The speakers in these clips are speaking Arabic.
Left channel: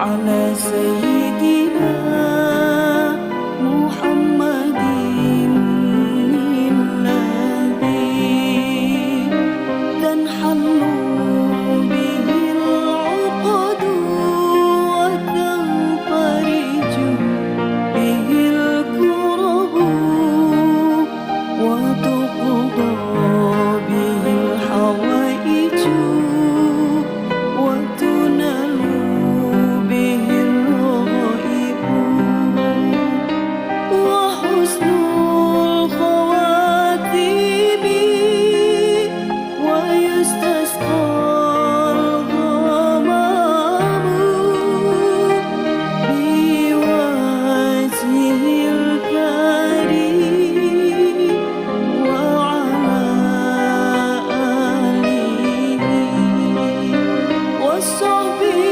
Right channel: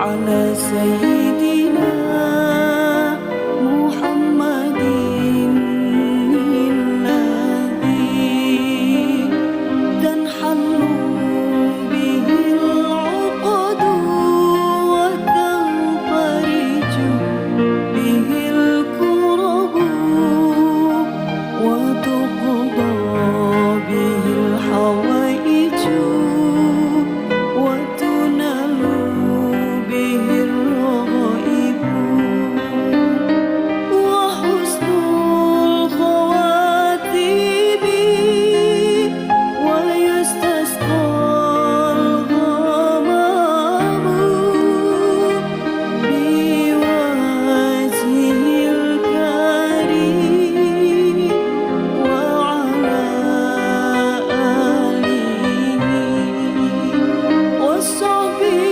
على سيدي soube.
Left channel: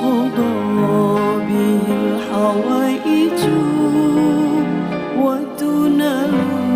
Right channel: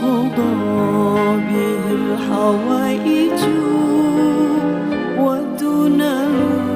قضى به الحوائج ودنا الوحيد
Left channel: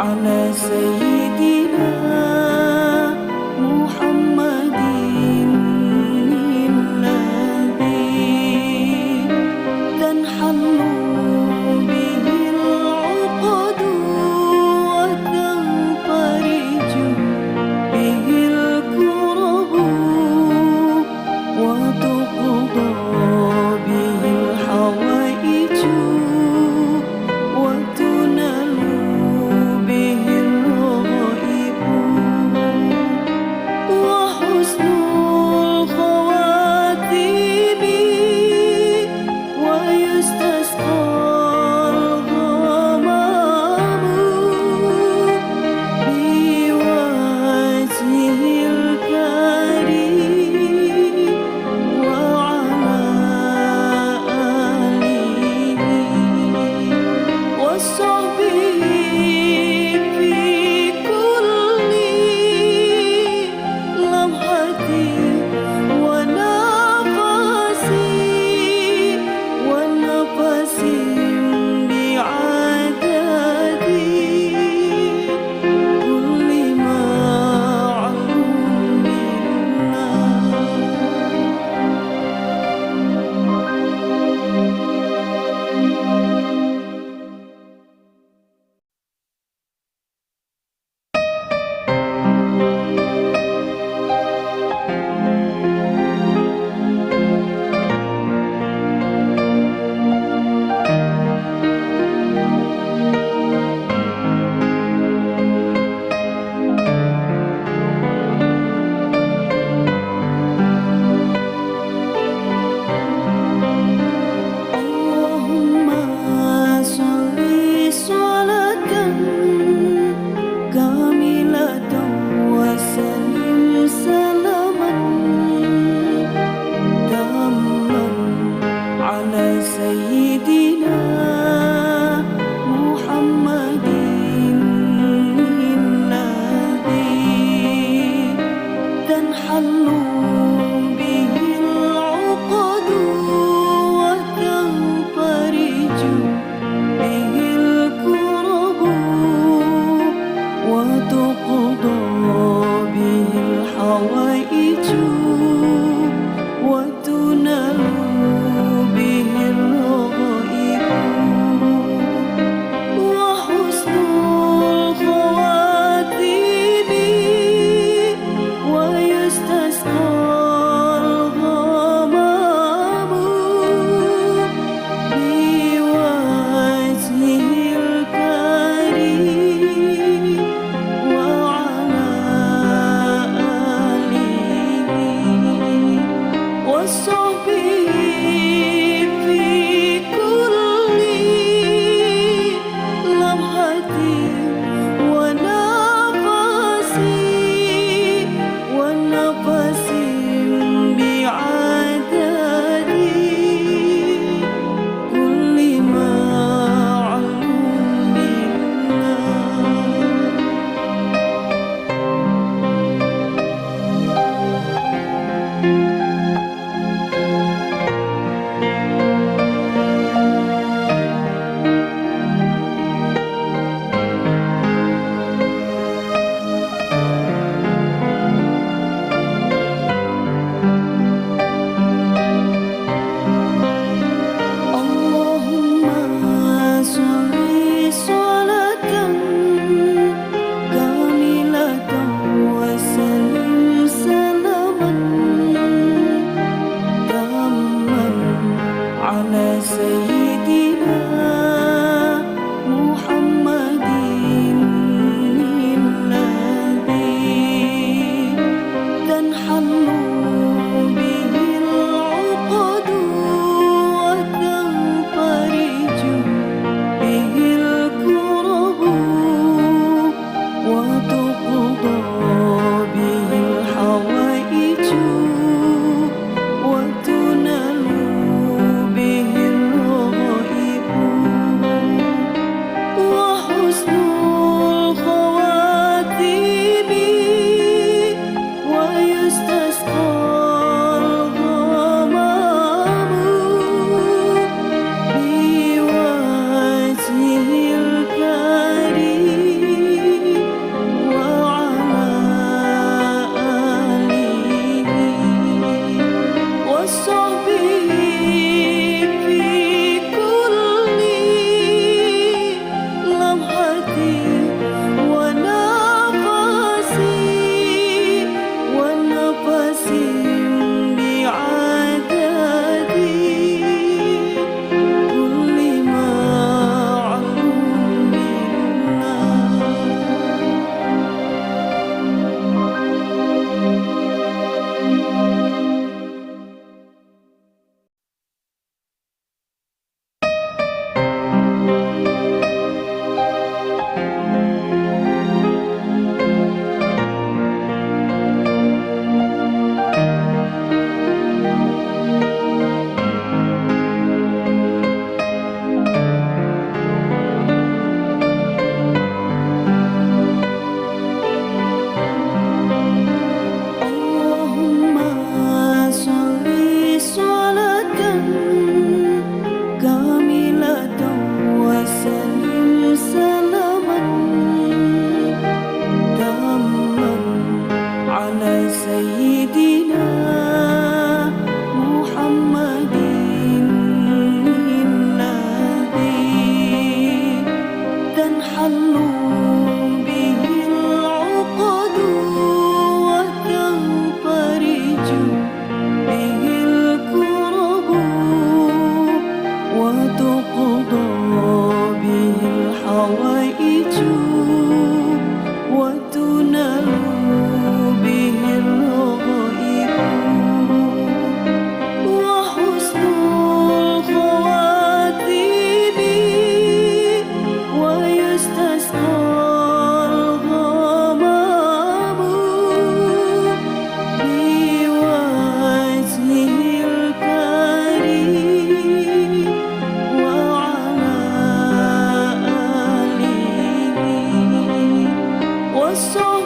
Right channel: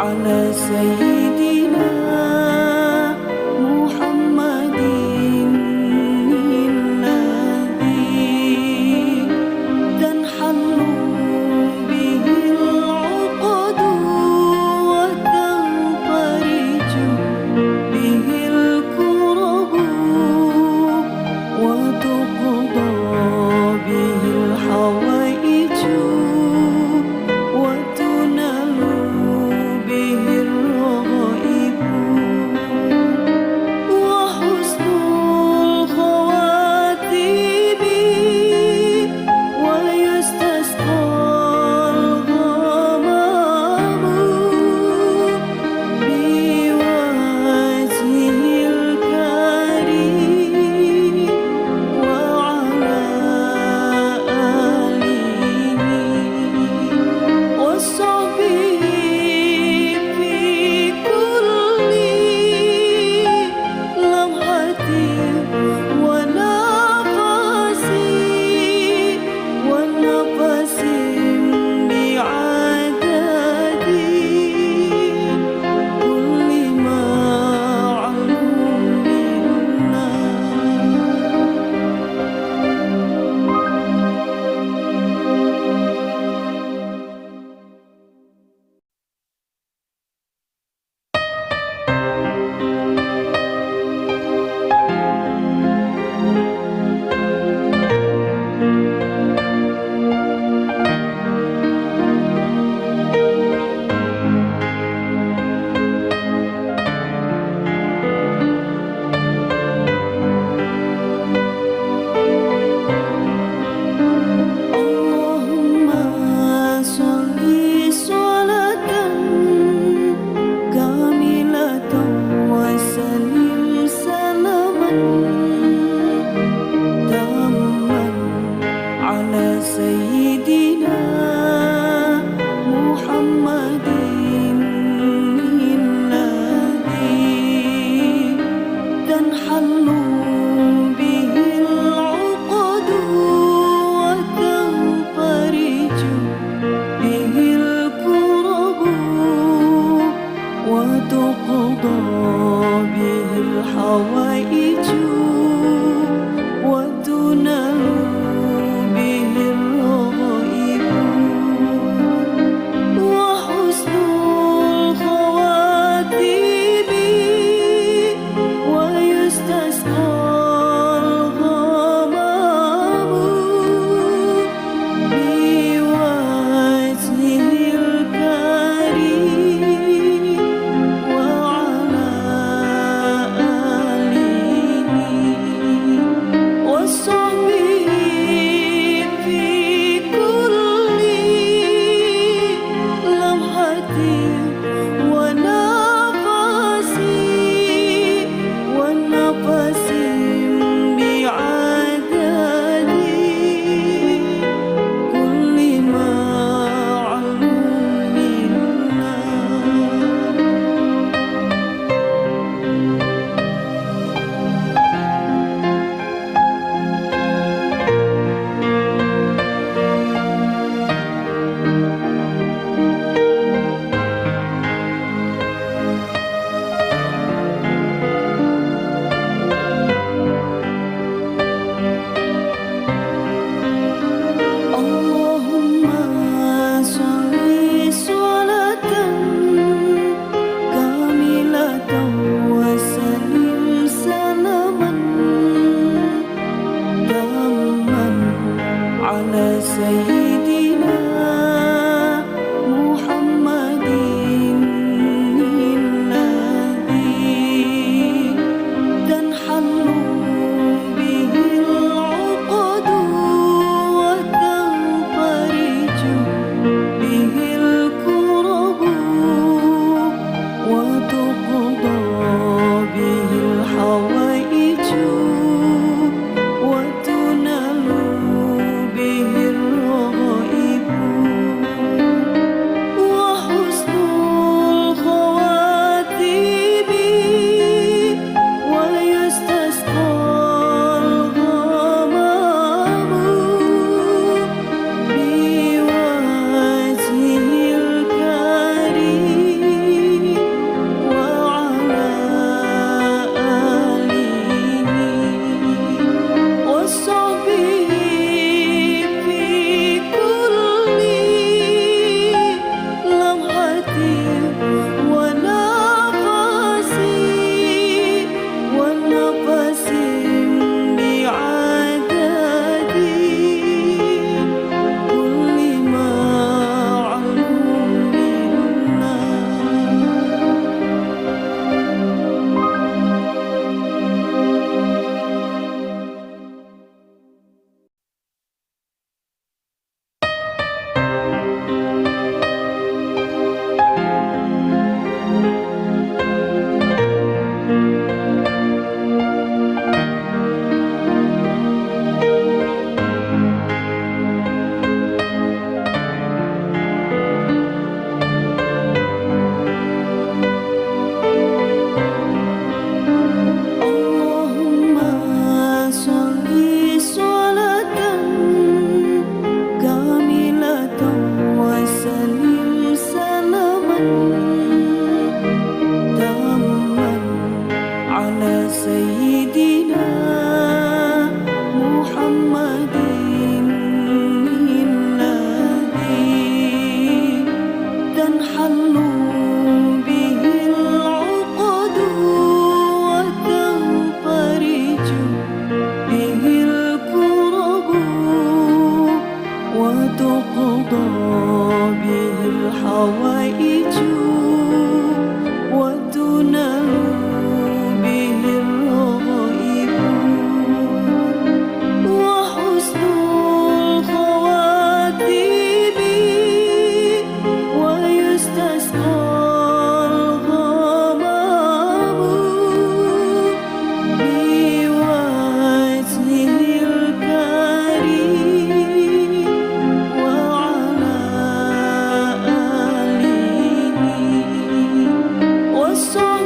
honest, senyum salaman daman ala sayyid وضع به الحوائج ana sayidina سلم تاما على سيدنا محمد الذي تنحل به العقد وتنفرج به الكرب وتقضى به الحوائج so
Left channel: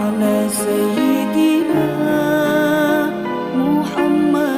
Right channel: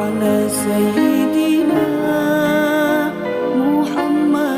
على سيدنا محمد